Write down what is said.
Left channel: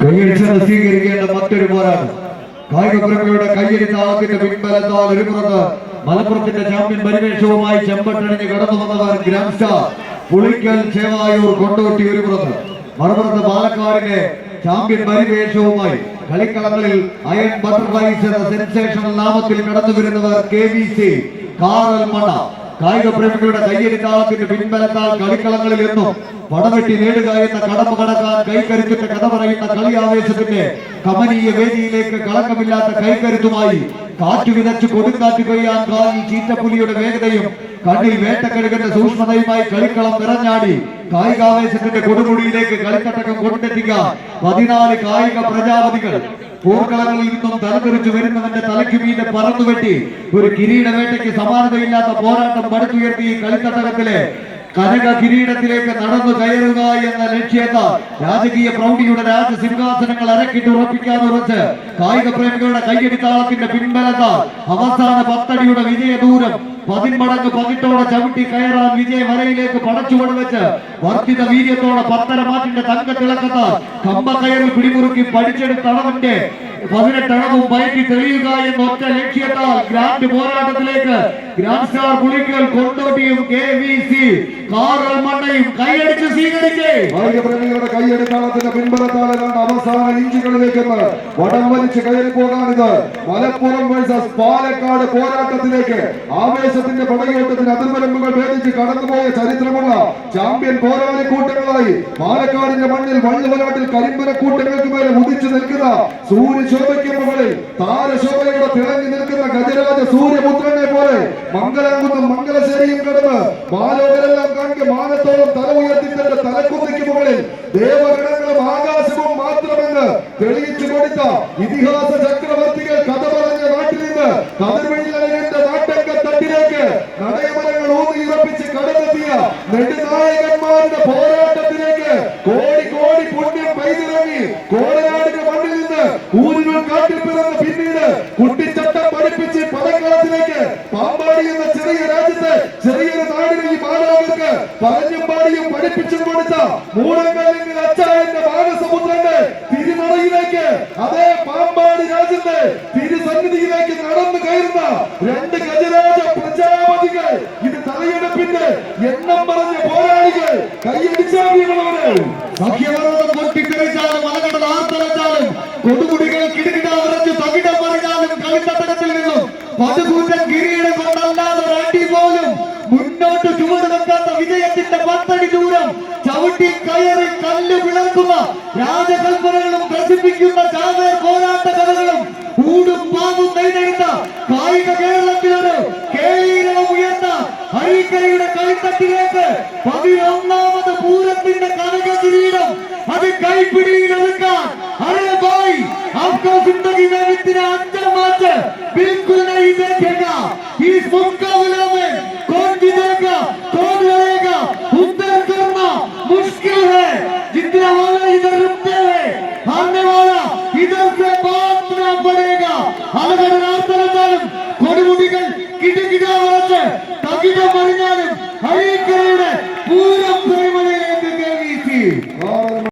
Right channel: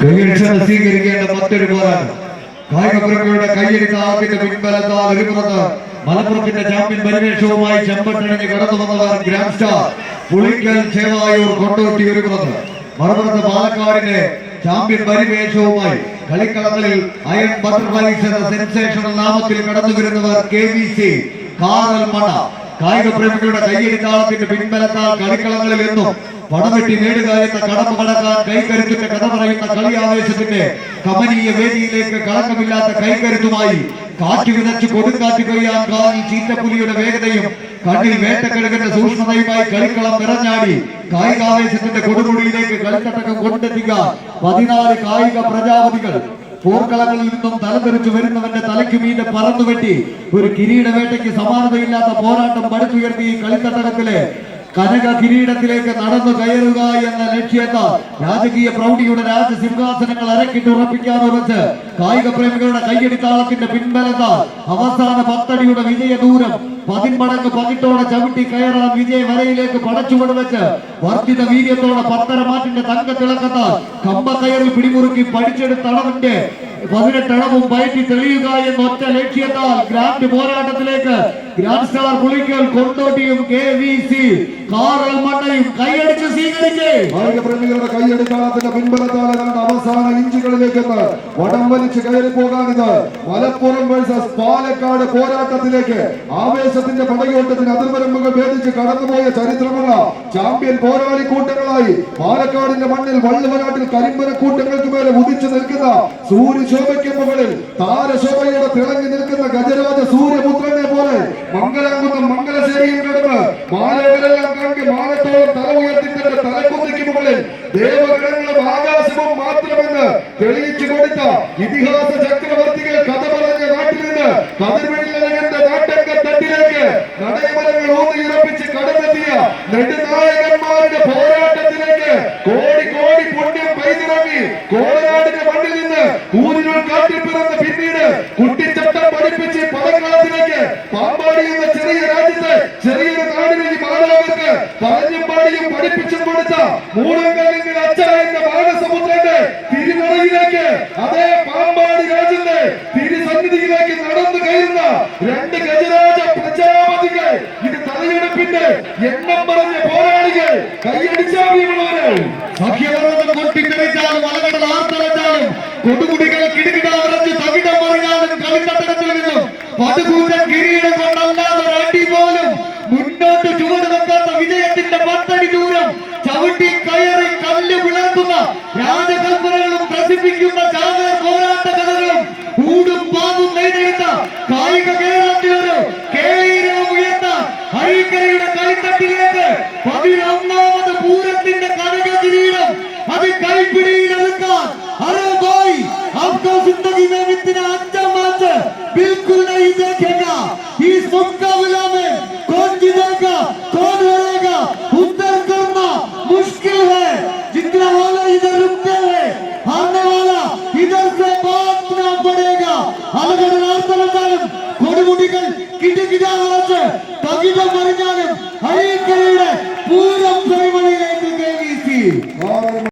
കൈയടിച്ച് സ്വീകരിക്കേണ്ട മറ്റൊരു പോരാട്ടം കായികപ്രേമികളുടെ കൈയടി താളത്തിന്റെ പിൻബലത്താൽ ഒരുങ്ങുന്നത് മലപ്പുറത്തിന്റെ ചാമ്പ്യൻ പരിവേഷവുമായി ചെമ്പട്ടണിന് കടന്നു വന്നവർ ഗ്രാൻഡ് സ്റ്റാർ. പുളിക്കൽ ചേവായൂർ കൊണ്ടോട്ടി ഒരുങ്ങുന്നത് മറുപുറത്ത് പാലക്കാടിന്റെ ചാമ്പ്യൻ പരിവേഷവുമായി കളിക്കളങ്ങളിൽ അയൺ ബട്ടർഫ്ലൈസ് സെൻസേഷണൽ നാമത്തിൽ കടന്നു വരുന്നവർ കെ ബി സി. കാറൽ മണ. കായിക പ്രേമികളുടെ കയ്യടി താളത്തിന്റെ പിൻബലത്താൽ കളിക്കളങ്ങളിൽ നിന്നും പടവെട്ടി നേടുക എന്ന കടമ കടക്കാൻ കൈക്കരുത്തിന്റെ കഥ പറയുന്ന കളി ആവേശത്തിന്റെ കമനീയ വേദിയിലേക്ക് കളങ്കമില്ലാത്ത കൈക്കരുത്തുമായി കാറ്റ് വിതച്ച് കൊടുങ്കാറ്റ് കഴിയാൻ കാലിൽ ചീറ്റപ്പുലിയുടെ വേഗതയും കണ്ണിൽ വേട്ടക്കഴുകന്റെ സൂക്ഷ്മതയുമായി കളിക്കളം നിറഞ്ഞാടി കായികാവേശത്തിന്റെ കൊടുമുടിയിലേക്ക് കളിക്കട്ടകം കൊണ്ടെത്തിക്കാം പതിനാല് കായിക പ്രജാപതികൾ പോർക്കളങ്ങളിൽ നിന്നും തലതിരിച്ചു വരുന്നവന്റെ തലയ്ക്ക് പറന്നു വെട്ടി ഒരു കിരീട വേട്ടയ്ക്ക് സമാനതയില്ലാത്ത പോരാട്ടം പടുത്തുയർത്തി കളിക്കത്തടത്തിലെ കനക കിരീടത്തിലേക്ക് നടന്നു കയറുക എന്ന ലക്ഷ്യത്താൽ രാജകീയ പ്രൗഢിയുടെ രാജസിംഹാസനങ്ങൾ അരക്കിട്ട് ഉറപ്പിക്കാൻ ഉറച്ച് കായിക പ്രേമികളുടെ കയ്യടിത്താളത്തിന്റെ പിൻബലത്താൽ അവസാന പത്തടിയുടെ വിജയ ദൂരം പതിന്മടങ്ങ് പതിട്ടോടെ ചവിട്ടി കയറാൻ വിജയ വരയിലേക്ക് പടച്ചുകൊണ്ട് വെച്ച് വർദ്ധിത വീര്യത്തോടെ പത്തര മാറ്റിന്റെ തങ്ക തിളക്കത്താൽ കയറി പിടിമുറുക്കി പഠിച്ചെടുത്ത അളവിന്റെ പതിനെട്ടളവും പയറ്റി തെളിയുക എന്ന ഒറ്റ ലക്ഷ്യത്താൽ ഗ്രാൻഡ് പോരാട്ടത്തിലേക്ക് ഗ്രാൻഡ് സ്റ്റാർ പുളിക്കൽ കൊണ്ടോട്ടിയും കെ വി സി കാറൽ കൈയടിച്ച് സ്വീകരിച്ചേ. കായികപ്രേമികളുടെ കൈയെടുക്കാത്തിന്റെ പിൻബലത്താലാണ് അവസാന ഇഞ്ചുകളിലേക്ക് വടം വലിച്ച് കയറി പോകാനിത്. മലപ്പുറം വേഴ്സസ് പാലക്കാട് പോരാട്ടത്തിലേക്ക് ആവേശത്തിന്റെ പടയോട്ടത്തിന് അതിർവരമ്പുകൾ ഭേദിച്ച് കടന്നുപോയ ചരിത്രമുള്ള ചാമ്പ്യൻ പോരാളി കൂട്ടങ്ങളായി പാലക്കാടിന്റെ മണ്ണിൽ വള്ളുവനാട്ടിൽ കരിമ്പന കൂട്ടങ്ങൾക്ക് മേലെ ഉദിച്ചു നിൽക്കുന്ന സൂര്യശോഭയ്ക്ക് മുകളിൽ താരശോഭയുടെ തിളങ്ങി നിൽക്കുന്ന ഗജരാജ സൂര്യപുത്രനെ പോലെ മംഗളകുന്നം മംഗലശ്ശേരിയിൽ കിടന്ന് മാലകളെല്ലാം കണ്ട് മാനത്തോളം തല ഉയർത്തി തന്റെ തലക്കുത്തിക്ക് മുകളിൽ ദേവഗണങ്ങളും ആകാശവും മാത്രമെന്ന് തെളിയിച്ചു കൊടുത്ത ഇതിഹാസ ചക്രവർത്തികൾ കഥ പറഞ്ഞ നാട്ടിൽ നിന്ന് കതിർവെള്ളവന്റെ നാട്ടങ്ക തട്ടിലേക്ക് നടയമരങ്ങൾ ഊന്നിയുറപ്പിച്ച് കടന്നെത്തിയ നെടുനായകന്മാരുടെ നിന്ന് ഊരിനുൾ കാട്ടിൽ പിറന്ന് പിന്നീട് കുട്ടിച്ചട്ടം പഠിപ്പിച്ച് പടക്കളത്തിലേക്ക് പാമ്പാടി എന്ന ചെറിയ രാജ്യത്ത് ചെറിയൊരു നാടിനെ ഈ മാതാവർക്ക് പറഞ്ഞും പാടിയും പഠിപ്പിച്ചും കൊടുത്ത മൂലങ്ങളിൽ അച്ഛ എന്ന മാനസപുത്രന്റെ തിരുമുറയിലേക്ക് അതേ പാമ്പാടി രാജ്യത്തെ തിരുസന്നിധിയിലേക്ക് നടന്നു കയറുന്ന രണ്ട് ഗജരാജ പ്രജാപതികൾ ഇത് തലയെടുപ്പിന്റെ എണ്ണം പറഞ്ഞ പോരാളികൾ കൈയടിച്ചാടിയുള്ളവര് സഖ്യപർവ്വതം കൊട്ടിത്തെറിച്ചാലും മലകടൽ ആർത്തലച്ചാലും കൊടുമുടികൾ കിടുകിട നിറഞ്ഞ് തകിടം പറഞ്ഞാലും കളിത്തട്ടത്തിൽ നിന്നും പതുകൂറ്റൻ കിരീടം കൊണ്ടല്ലാതെ വേണ്ടി പോലും മുന്നോട്ട് ചുവട് വെക്കാത്ത വിജയത്തിന്റെ പത്തടി ദൂരം ചവിട്ടി കയറി കല്ല് വിളർത്തുന്ന രാജകൽപ്പനകളും പ്രസിദ്ധിക്കുന്ന ചാവേർ പോരാട്ട കഥകളും കൂടും പാമ്പും നെയ്തെടുത്ത കായിക കേരളത്തിലൊരു കേരളം ഉയർന്ന ഹരിക്കരയുടെ കളിത്തട്ടിലേക്ക് República